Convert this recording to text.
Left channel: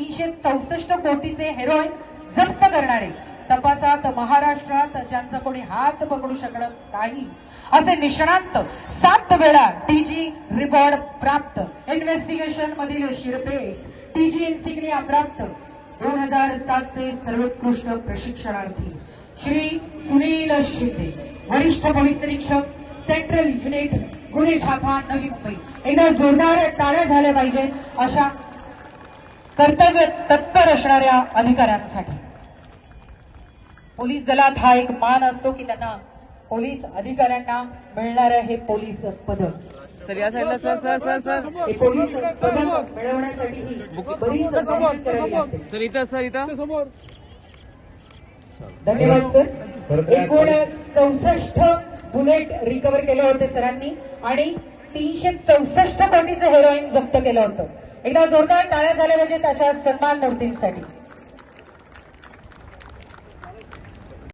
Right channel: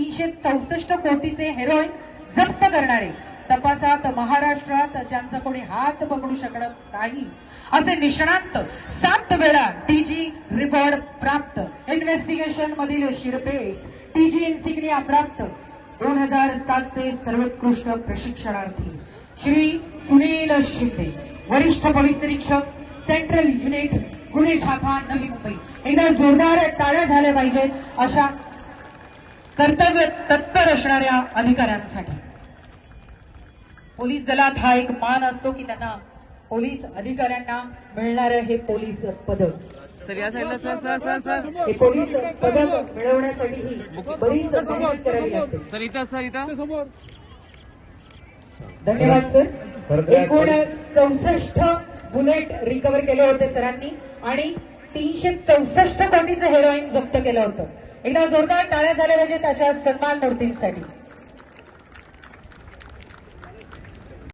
तीनशे चौसष्ट कोटीचे हेरोईन जप्त करणारे. तपासात महाराष्ट्रात ज्यांचा कोणी हात पकडू शकत नाही असे निष्णांत सात वेळा टीजी रिवॉर्ड प्राप्त. इन्व्हेस्टिगेशन मधील शिरपेच टीजी इन्सिग्निया प्राप्त. दोन हजार सातचे सर्वोत्कृष्ट प्रशिक्षणार्थी श्री सुनील शिंदे वरिष्ठ पोलीस निरीक्षक सेंट्रल युनिट गुन्हे शाखा नवी मुंबई. एकदा जोरदार टाळ्या झाल्या पाहिजेत अशा कर्तव्य तत्पर असणाऱ्या अधिकाऱ्यांसाठी. पोलीस दलात हा एक मान असतो की त्यांना पोलीस अधिकाऱ्यांना मिळणारं हे पोलीस पदक. सर या साईडला सर सर सर सर. हे पोलीस पदक मिळवण्यासाठी बरीच मेहनत करावी लागते. सर इथं सर इथं. धन्यवाद सर. एकूण चौसष्ट बुलेट रिकव्हर केले होते सरांनी आणि तीनशे चौसष्ट कोटीचं हेरोईन जप्त केलं होतं. एकदा जोरदार टाळ्या झाल्या म्हणजे पाहिजेत अशा सन्मान मूर्तींसाठी